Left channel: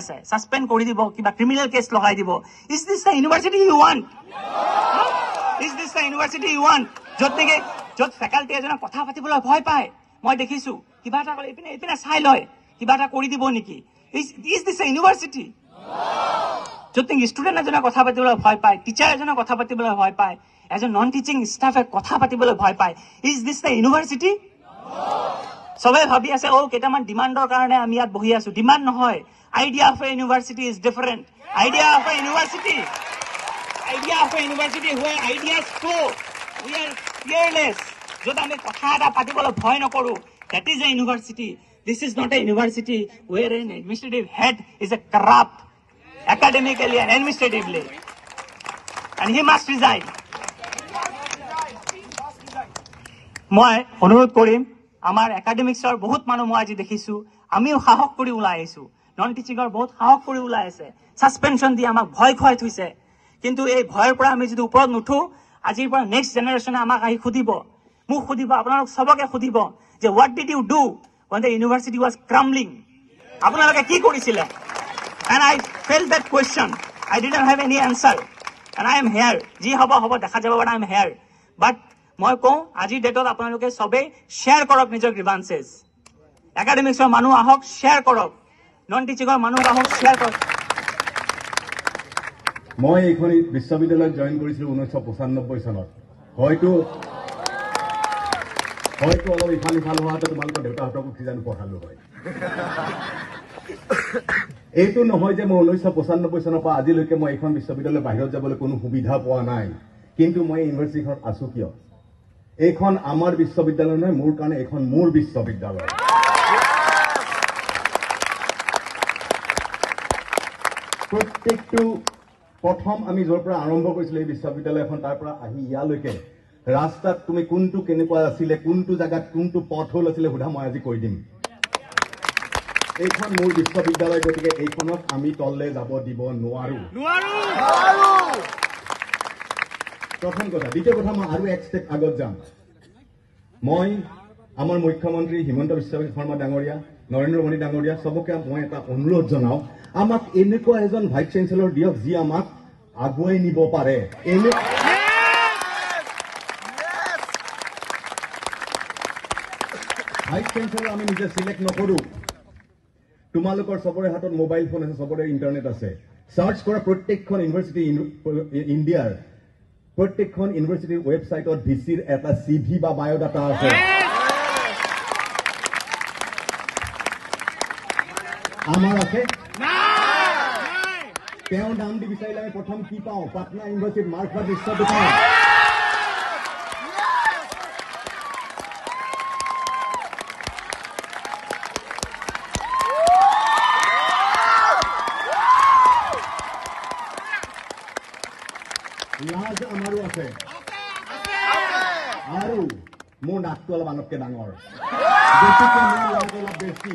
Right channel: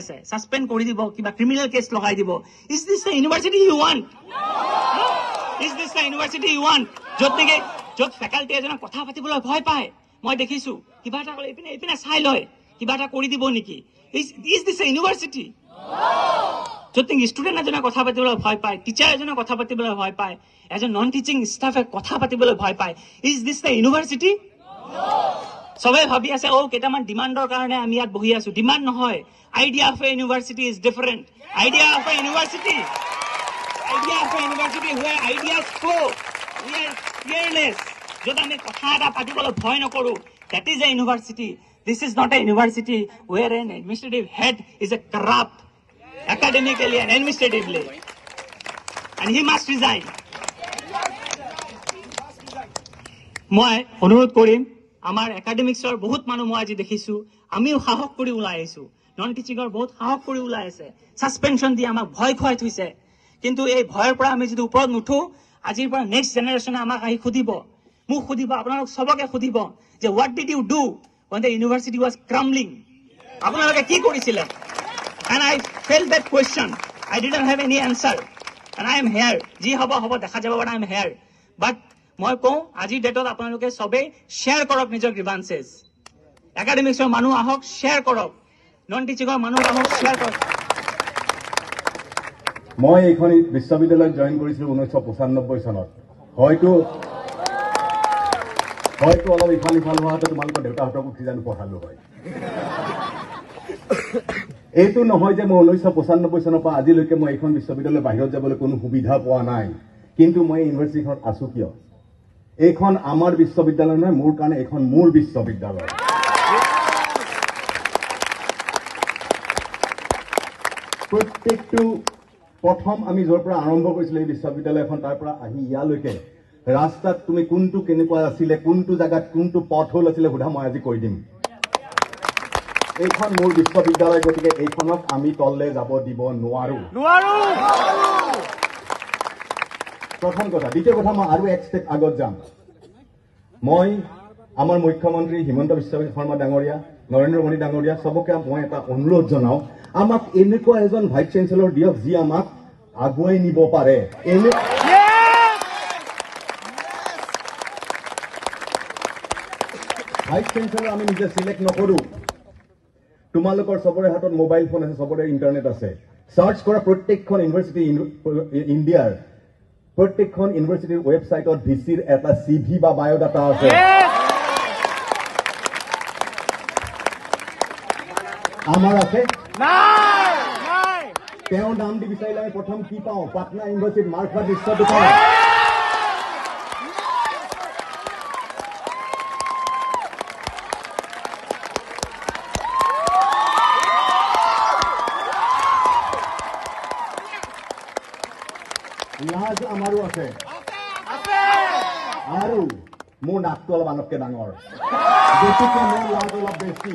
আছে সাসপেন্ড কৰি দিব কিবা ক্ৰিমিনেল কেছ লগাই দিব is this the university you want is this the university you want য'ত ফেকাল্টি এজনে কথা পাতিবলৈ ভয় পায় মই দেখিছো কিবা এটা ক'লে ইপিনে চাই লয় কিবা এটা কৰি দিব নেকি ইজ দিস দ্য ইউনিভাৰ্চিটি য'ত ষ্টুডেণ্ট এজনে কথা পাতিবলৈ ভয় পায় টিচাৰ এজনে কথা পাতিবলৈ ভয় পায় এজন নন টিচিং ষ্টাফে কথা পাতিবলৈ ভয় পায় ইজ দিস দ্য ইউনিভাৰ্চিটি সবে ভাবি আছে কেইটামান ডিমাণ্ডৰ কাৰণে আমি ইয়াত বহি আছো ডিমাণ্ড নহয় idea of A university is different idea of A university where ideas flow we are fearless য'ত আমি কথা এটা পাতিবলৈ ভয় নকৰো that is a university this is not a university where an administrative head is a corrupt academically and administratively and he must resign মই অনুৰোধ কৰিম আমাৰ একাডেমিক্সৰ বহুত মানুহ মই আজি দেখিছো আমিও সাহস কৰি ওলাই আহিছো নন টিচিঙৰ বহুত সাহস কৰি ওলাই আছে সাসপেনশন দি আমাক ভয় খুৱাই থৈছে কিন্তু এই ভয়ৰ পৰা আমি যদি ওপৰত নুঠো আজিৰ পৰা নেক্সট জেনেৰেশ্যনে আমাক আহি সুধিব মোক সুধিব আপোনালোক সবকে সুধিব যে what did you do when the university was crumbling আপোনালোকে কি কৰিছিলে and I felt that question I didn't have any answer and I am here যি হ'ব দেখা যাব but I am here but মই কওঁ আজি ডেটত আপোনালোকে সবে শ্বেয়াৰ কৰক নিজৰ গ্ৰিভান্সেছ একাডেমিক্সৰ মানুহ আহক শ্বেয়াৰ কৰক নন টিচিঙৰ মানুহ আহক শ্বেয়াৰ কৰক মই এইখন বিশ্ববিদ্যালয়ত জইন কৰিছিলো 1995 চনত হয়তো অলপ ইফাল হোৱাটো তোমালোকৰ দেউতাহঁতকো কিজানি পঢ়ালো হয় এইটো নহয় যে মই 1995 চনৰ পৰা আজিলৈকে মই এইখন বিশ্ববিদ্যালয়ৰ বাহিৰত যাবলৈ কোনো সুবিধা পোৱা নাই কিন্তু মই ইউনিভাৰ্চিটিখনত আছো কিয় এইখন আমাৰ বিশ্ববিদ্যালয় নহয় মোৰ কাৰণে এইখন মোৰ বিশ্ববিদ্যালয় প্ৰত্যেকটো প্ৰথম আমি য'ৰ পৰা আৰম্ভ কৰিছিলো এই বিশ্ববিদ্যালয়খন তাৰ পৰা আহি ইয়ালৈকে ৰাস্তাত তুমি কোনটো কেনেকুৱা আছিলে কোনটো জায়গাত কোনটো পথ হ'ল আছিলে সোধা মই আজি কৈ দিম এইখন মোৰ বিশ্ববিদ্যালয় গতিকে এইখনক আমি তললে যাব দিব নোৱাৰো প্ৰথম কথা দ্বিতীয় কথা মই আৰু এক ষ্টেপ আগত যাম মই আমাৰ মুখ্যমন্ত্ৰী হিমন্ত বিশ্ব শৰ্মা ডাঙৰীয়া নৰেন্দ্ৰ মোদী ডাঙৰীয়া সবকে মই এটা অনুৰোধ জনাও আমাক এনেকুৱা এজন ভাইচ চেঞ্চেলৰ দিয়ক যি আমাক আগুৱাই নিব পাৰে ভাইচ চেঞ্চেলৰ আমি নিজে সিলেক্ট নকৰো তোমালোকৰ সবৰে হাতত মোবাইল ফোন আছে সবৰে ইন্টাৰনেট আছে সাৰ্চ কৰা প্ৰত্যেকখন ইউনিভাৰ্চিটি ইণ্ডিয়াৰ প্ৰত্যেকখন ইউনিভাৰ্চিটিৰ ৱেবছাইটত ভিচিৰ এটা সিভি বা বায়োডাটা আছে আমাৰ আছে তেওঁৰ নাম দি বিচাৰিলে আমি প্ৰথম কি পাওঁ পাটনা ইউনিভাৰ্চিটিত মাৰ্কফাৰ্ড লিষ্টটো পাওঁ লাজ আমাৰো আছে আৰু মোৰ নাকটো অলপ আনতকে ডাঙৰ গতিকে মোৰ লাজ অলপ বেছি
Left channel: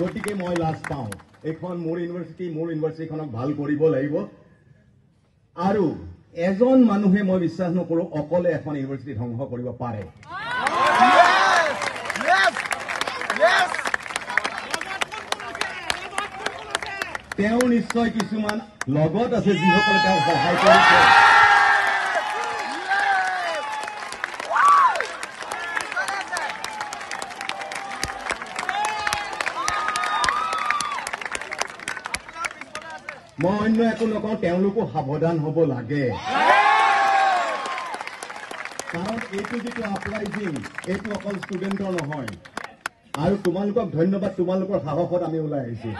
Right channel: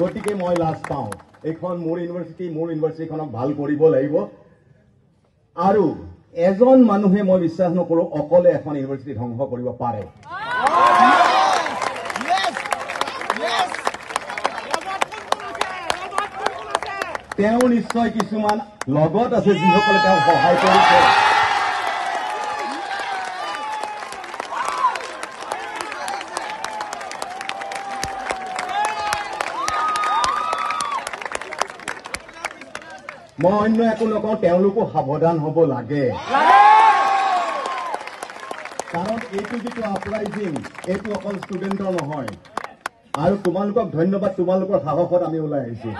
গতিকে মই লাজ পাওঁ এইখন মোৰ ইউনিভাৰ্চিটিখনক ভাল কৰিব লাগিব আৰু এজন মানুহে মই বিশ্বাস নকৰো অকলে এখন ইউনিভাৰ্চিটি ধ্বংস কৰিব পাৰে তেওঁ নিশ্চয় কিছুমান লগত আছে যিসকলে তেওঁ সহায় কৰিছে মই অন্য একো নকওঁ তেওঁলোকো সাৱধান হ'ব লাগে কাৰণ এইটো যিটো আপৰাইজিং এইটো অকল ষ্টুডেণ্টৰ নহয় আৰু তোমালোকক ধন্যবাদ তোমালোকৰ সাহসত আমি ওলাই আহিছো